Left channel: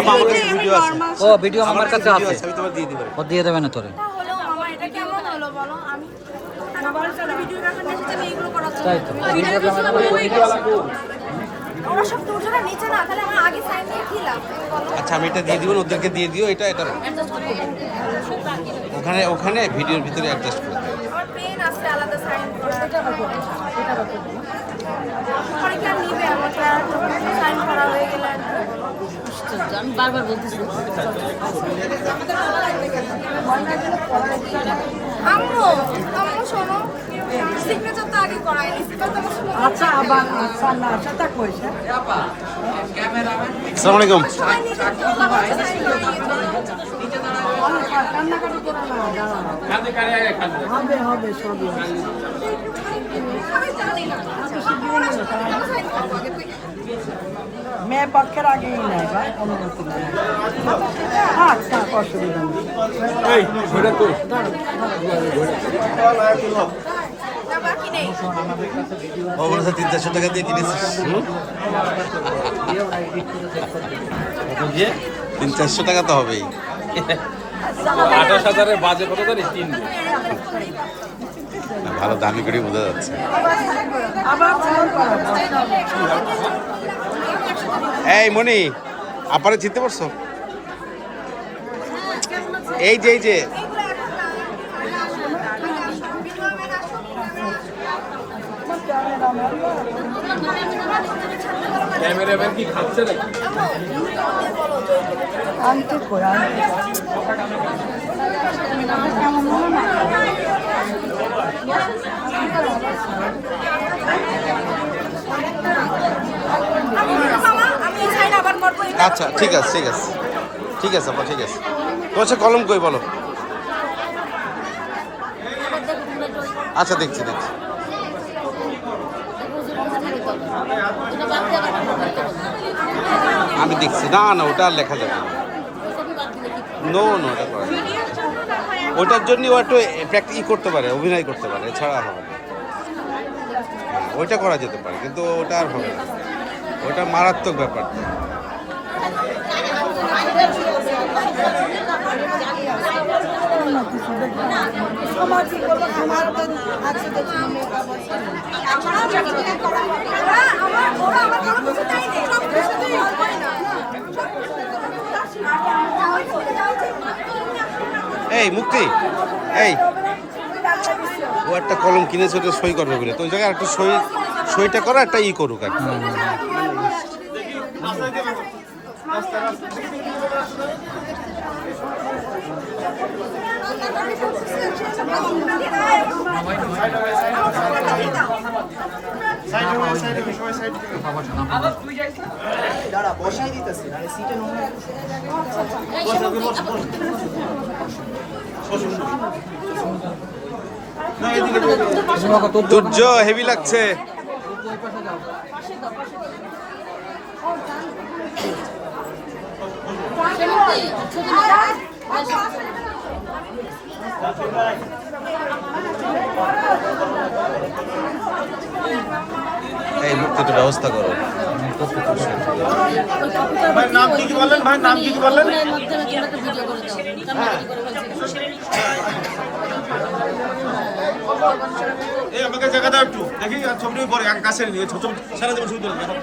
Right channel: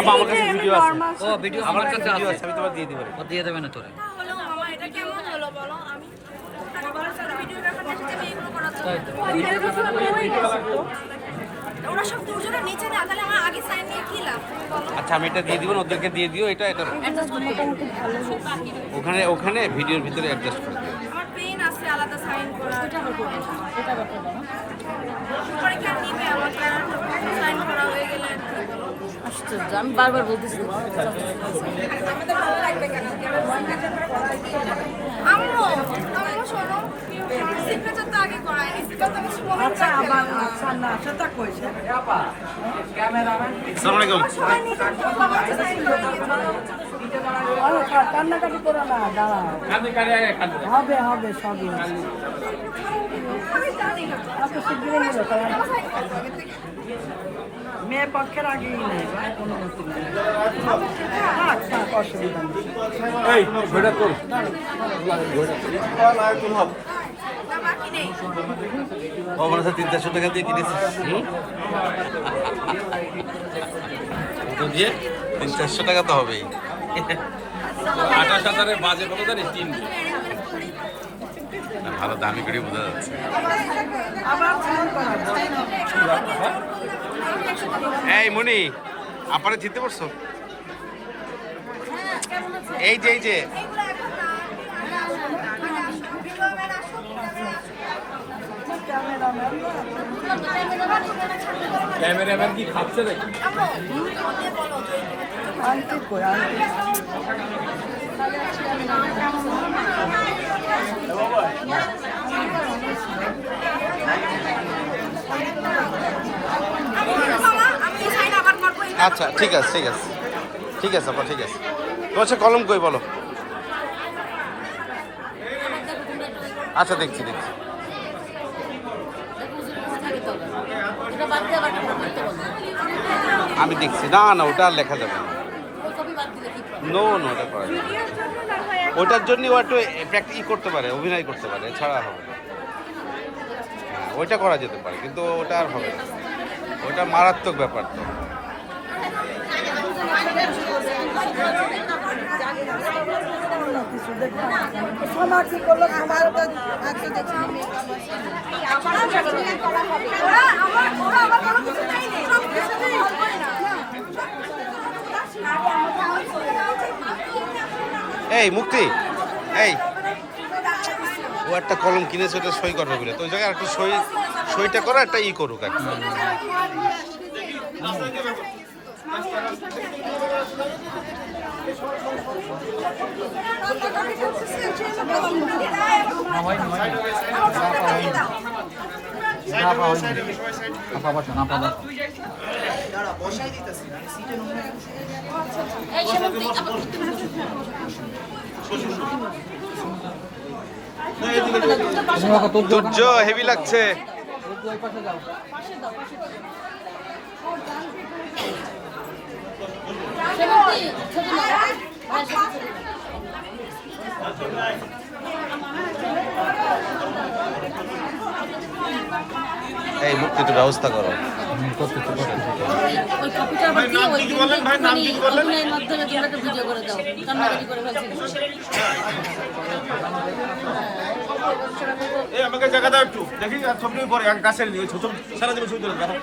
আমার কাছে ভিডিও আছে। ও ভিডিও আমার কাছে ভিডিও আছে, আমি তোমার দিয়ে দিব। ও দিয়ে দেবে না তোরে। কেমন হলো বলো? আমি আচ্ছা আমি এটা দিয়ে দিব, ওদেরকে দিয়ে দিও। এটা এটা ওখানে ওখানে ভিডিওর ভিতরে অ্যাডজাস্ট করে দিও। আমার পেন আছে আলাদা সাইন করা। এটা বাকি এটা বাকি বলো। আর কি নিবে আমাকে আর সাইন করা হয়ে গেলে আমি বারবার বলতেছি আমাদের ভালো লাগবে কেন? আমরো আমরো শোনো সিগনেচার তো আগে করাই সিগনেচার তো শোনো। আচ্ছা আবার আচ্ছা না সেটা কইছে ক্যামেরাম্যান। আসসালামু আলাইকুম। কান্নাকাটি করো না হবে হবে সব মেয়ে পক্ষের আগেই নেয় ভাই কোনো কিছু নেই। অসুবিধা নেই। ও মনে হচ্ছে 300-400 টাকা দিয়ে কিনেছিস। 300-400 টাকা তো হবেই। 28,000-এর বাজে কত জানি 3 ভালো দামি করে বোঝা যাচ্ছে। এই মনি আপারে জিততে পারছো? এই যে এই যে ক্যামেরাম্যান কি ভাবছে নাকি? আচ্ছা ঠিক আছে ঠিক আছে ঠিক আছে আপা ঠিক আছে। তোমার কলম কই বলো? আচ্ছা দেখছি দেখছি। আমি দেখছি না না ওটা আর লেখা যাবে না। নো নো ওটা করা যাবে না। ওটার জন্য ও একটু প্র্যাকটিস করতে পারে, অভিনয় করতে পারে, এছাড়া হবে না। হ্যাঁ ওইটা করা যেতে পারে কিন্তু ওটা আর হবে না, ওটা মারাত্মক ব্যাপার। তো এই মুক্তি এই ও একটা কলম কিনেছে, ওটা সই করবে বলে, তো ওই জায়গায় একটা সইটা করা একটা ই করুক আর কি। সূর্য হেভি লাগছে। এই মুক্তি একটু ব্যবস্থা করো। আমাকে জায়গা দাও একটু দেখি ছবি পরে গাছের নিয়ে ছোট সারা দেবো শুধু দেখো